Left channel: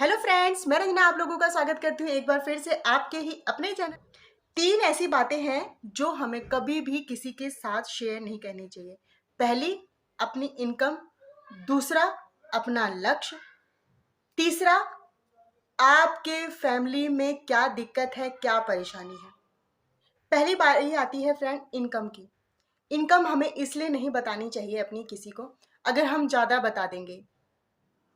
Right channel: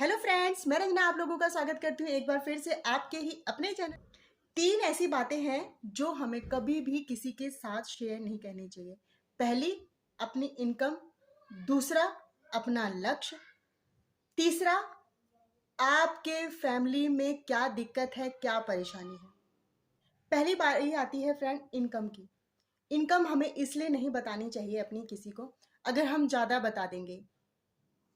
Hello friends, मैं रंजना आप लोगों का स्वागत करती हूँ एक बार फिर से आपके ही अपने चैनल। 3 ऐसी बातें हैं जो हमें कभी भी किसी के साथ शेयर नहीं करनी चाहिए। पहली, अपनी इनकम। दूसरा, अपना लक्ष्य। तीसरा, आपके फैमिली में क्या दिक्कत है, क्या परेशानी है। पहली बारी आती है फ्रेंड इनकम की। इनकम हमें इसलिए नहीं बतानी चाहिए अपनी किसी को। अगर हम ज़्यादा बता देंगे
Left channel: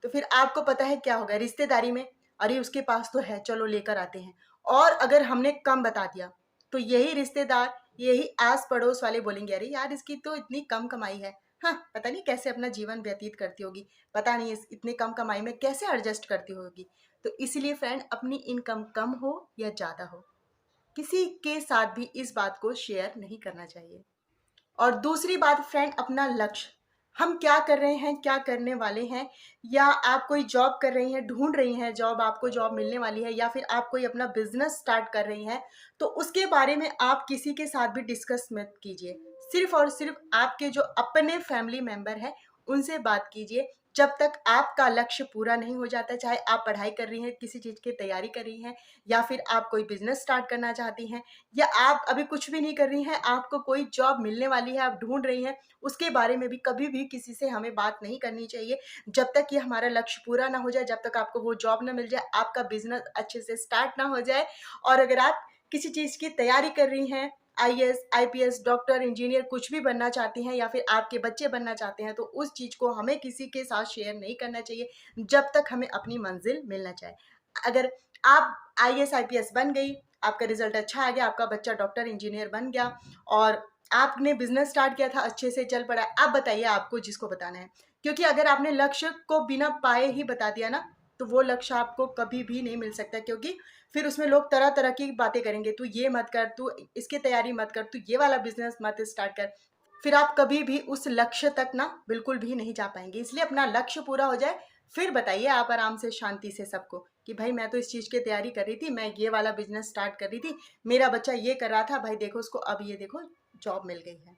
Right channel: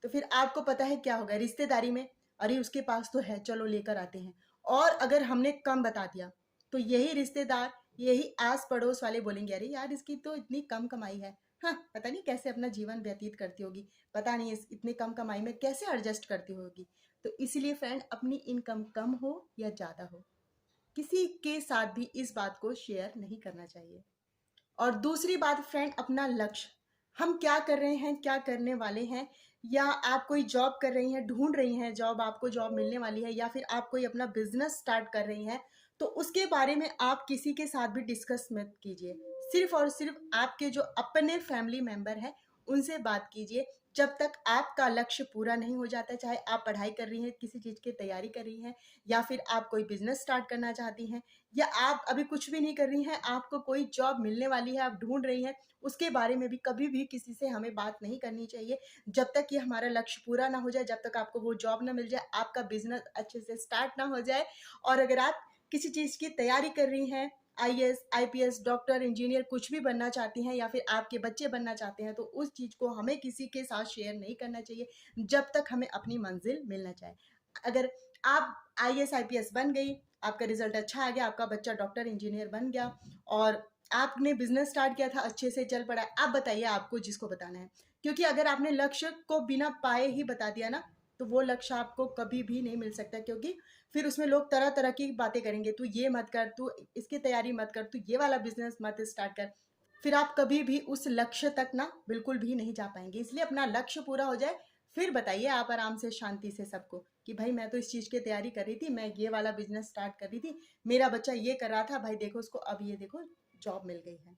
तो फिर आपको पता है क्या होगा रिश्तेदारी में, अरे उसके पास तो है, चलो लेकर आते हैं। और अगर हमने कम बता दिया तो यही रिश्तेदार, यही आस पड़ोस वाले बोलेंगे, अरे यार इसकी तो इतनी कम कमाई है, हाँ पता नहीं कैसे अपना जीवन व्यतीत करती होगी, पता नहीं इस इतनी कम कमाई में कैसे एडजस्ट करती होगी। तो इसीलिए फ्रेंड, अपनी इनकम कम हो या ज़्यादा हो, किसी के साथ भी इस बात को शेयर नहीं करना चाहिए। और दूसरी बात फ्रेंड, अपना लक्ष्य। हम क्या कर रहे हैं, क्या करने वाले हैं, या आप कोई जॉब कर रही हैं, ढूंढ रही हैं जॉब, आपको जॉब मिलने वाली है, या फिर आप कोई अपना बिजनेस स्टार्ट कर रही हैं, तो उसके बारे में आप किसी के साथ भी डिस्कस मत कीजिए। सिर्फ और सिर्फ आपके जो अपने फैमिली मेंबर हैं उनसे बात कीजिए। जब तक आपका लक्ष्य पूरा नहीं हो जाता, चाहे आप पढ़ाई कर रही हैं, किसी चीज़ की तैयारी कर रही हैं, या फिर आप कोई बिजनेस स्टार्ट करना चाहती हैं, या आप अभी कुछ भी नहीं कर रही हैं, आपको कोई जॉब मिलने वाली है, आप ढूंढ रही हैं, उसके बारे में भी कभी भी किसी से हमें बात नहीं करनी चाहिए जब तक कि हमारा लक्ष्य पूरा ना हो जाए, जब तक आपको वो जॉब ना मिल जाए, आपका बिजनेस अच्छे से स्टार्ट ना हो जाए। और अगर आप किसी चीज़ की तैयारी कर रही हैं, आईएएस, आईपीएस, डॉक्टर, इंजीनियर कुछ भी बनना चाहती हैं, या फिर आपके बच्चे बनना चाहते हैं, तो उस चीज़ को हमें किसी के साथ शेयर नहीं करना चाहिए जब तक हमें अपनी मंजिल मिलना चाहे। अगर आप आईएएस, आईपीएस बन गई, आपका रिजल्ट अच्छा आ गया, आपका बच्चा डॉक्टर, इंजीनियर बन गया, और आपने बिजनेस स्टार्ट किया था, अच्छे से चल पड़ा है, आप बताइए आपको जिसको बताना है। क्योंकि अगर आपने लक्ष्य को बिना पाए ही बता दिया ना, तो वो लक्ष्य आपको कभी भी नहीं मिल सकता। क्योंकि फिर उसमें लोग तरह तरह की बातें करेंगे, तू ये मत कर, तू इसकी तैयारी मत कर, तू ये वाला बिजनेस मत स्टार्ट कर। फिर आप कभी भी उस लक्ष्य तक ना बिल्कुल भी नहीं जा पाएंगे। इसलिए अपना लक्ष्य पूरा हो जाए, फिर बताइए आप आराम से शांति से सबको कि भाई मैं तो इस चीज़ की तैयारी कर रही थी, मैं ये वाला बिजनेस स्टार्ट कर रही थी, मेरा बच्चा ये कर रहा था, भाई देखो उसको अब ये देखो जॉब मिल गई है।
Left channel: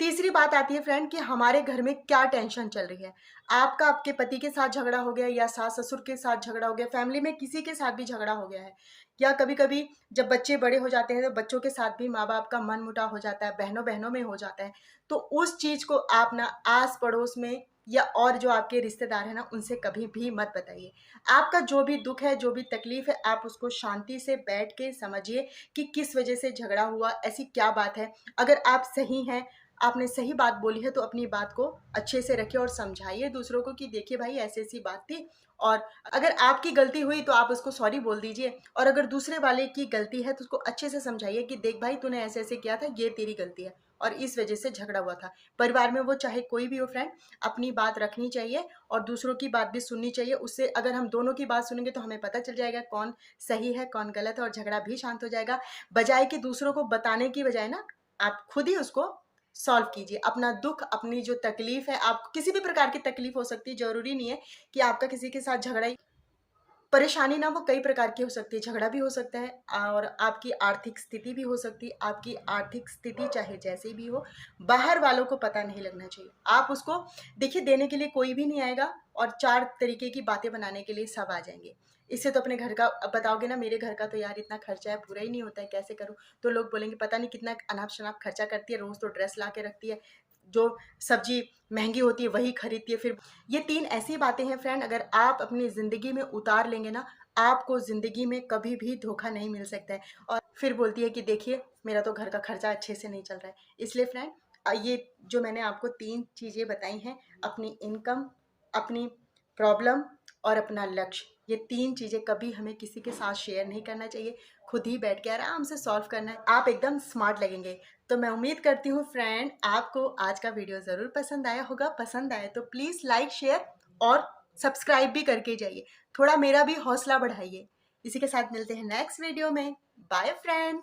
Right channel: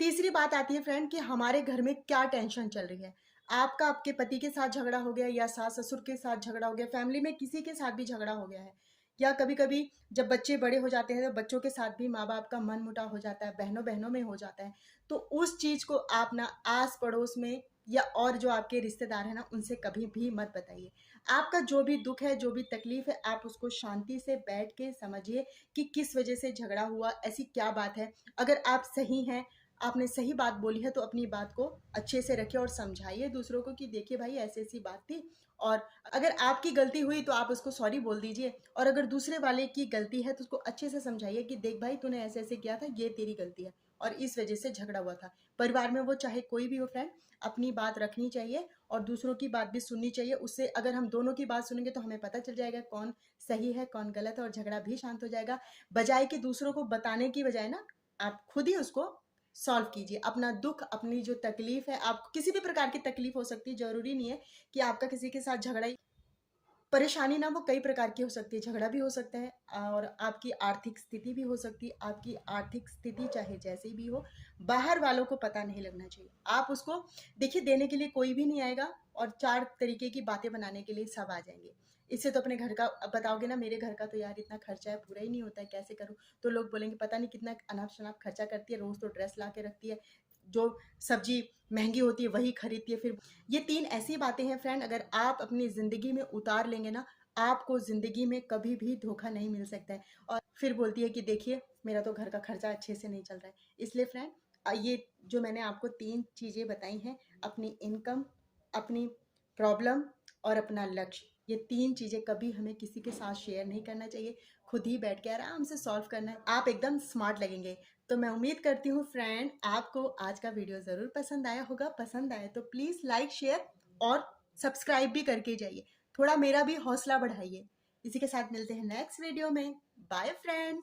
तीसरी बात आती है फ्रेंड कि हमारे घर में क्या टेंशन चल रही है। आपका आपके पति के साथ झगड़ा हो गया, या सास ससुर के साथ झगड़ा हो गया, फैमिली में किसी के साथ भी झगड़ा हो गया है, या कभी कभी जब बच्चे बड़े हो जाते हैं तो बच्चों के साथ भी माँ बाप का मन मुटाव हो जाता है, बहनों बहनों में हो जाता है। तो उस चीज़ को आप ना आस पड़ोस में या और जो आपके रिश्तेदार हैं ना, उनसे कभी भी मत बताइए। आपका जो भी दुख है, जो भी तकलीफ है, आप उसको शांति से बैठ के समझिए कि किस वजह से झगड़ा हुआ, ऐसी क्या बात है। अगर आप सही हैं, आपने सही बात बोली है, तो अपनी बात को अच्छे से रखिए और समझाइए दूसरों को कि देखिए भाई ऐसी ऐसी बात थी। और अगर आपकी गलती हुई तो आप उसको सॉरी बोल दीजिए, और अगर दूसरे वाले की गलती है तो उसको अच्छे से समझाइए कि देख भाई तूने ऐसे ऐसे किया था, ये तेरी गलती है और इस वजह से झगड़ा हुआ था। परिवार में वो चाहे कोई भी हो फ्रेंड, अपनी बात रखनी चाहिए और दूसरों की बात भी सुननी चाहिए। उससे अगर हम दोनों की बात सुनेंगे तो हमें पता चल जाएगा कौन सही है कौन गलत है, और झगड़ा भी शांत हो जाएगा। बजाय कि दूसरों को बताने की बजाय ना, आप खुद ही उसको सॉल्व कीजिए। अपना दुख, अपनी जो तकलीफ है, आपको किसी भी प्रकार की तकलीफ हो सकती है, जरूरी नहीं है कि आपका किसी के साथ झगड़ा ही। परेशानी ना वो कई प्रकार की हो सकती है, झगड़ा भी हो सकता है और आपकी आर्थिक स्थिति भी हो सकती है। आपकी आर्थिक स्थिति चाहे जैसी भी हो, बाहर वालों को पता नहीं लगना चाहिए। आप उसको देखिए, देने के लिए कोई भी नहीं आएगा और 4 तरीके की बातें बनाने के लिए सब आ जाएंगे। इससे तो अपने घर का अब बताओगे ना, मेरे घर का तो यार इतना खर्चा है, पूरा ही नहीं होता है, कैसे करूँ। तो लोग बोलेंगे पता नहीं कितना अनाप शनाप खर्चा करती है, रोज तो ड्रेस ला के रखती है, जो सब्जी महंगी होती है वही खरीदती है। फिर ये 3 ऐसी बातें हैं फ्रेंड, अगर आप अपनी ज़िंदगी में उतार लेंगे ना, आपको ज़िंदगी में कभी भी धोखा नहीं मिल सकता है। और फिर बोलती है कि देखिए मेरा तो घर का खर्चा अच्छे से नहीं चल रहा है। इसलिए फ्रेंड, ये जो मैंने आपको 3 चीज़ें बताई हैं, अपनी इनकम, अपनी प्रॉब्लम और अपना लक्ष्य, ये 3 चीज़ें कभी हमें किसी के साथ शेयर नहीं करना चाहिए। खुद ही बैठ के आराम से सॉल्व करना है, आप एकदम स्मार्ट लगेंगे। तो मैं उम्मीद करती हूँ फ्रेंड आपको आज का वीडियो ज़रूर पसंद आया होगा। पसंद आए तो प्लीज़ लाइक, शेयर और सब्सक्राइब भी करके जाइए, थोड़ा मेरा भी हौसला बढ़ाइए। इसी के साथ मिलते हैं नेक्स्ट वीडियो में। Bye friends.